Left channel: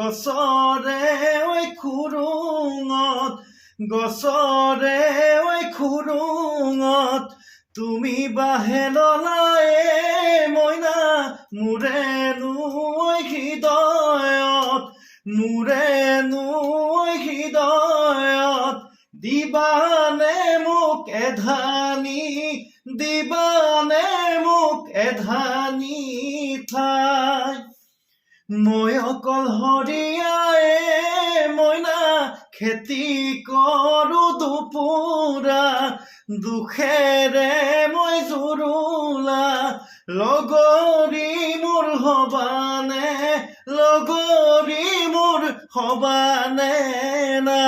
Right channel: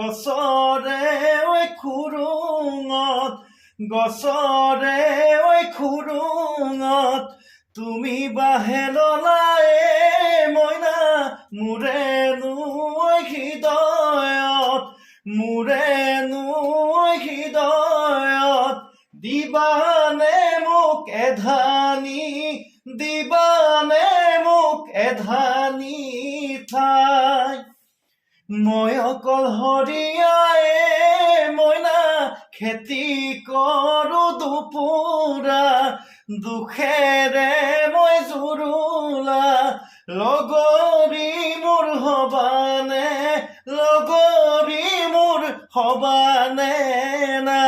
গছৰে ঐ খুৰুঙত গছৰে ঐ খুৰুঙত তুমি বাহে ললায়ে মইনা মোৰেনো ঐ হৃদয়ত মোৰেনো ঐ হৃদয়ত দিবানে মোক এধানি দিবানে মোক এধানি ঠাই মই অকলশৰীয়ায়ে মইনা খেতি কৰো দুপুৰা দুখেৰে মই জুৰুলা লগৰী মোৰ হবানে লগৰী মোৰ হবানে না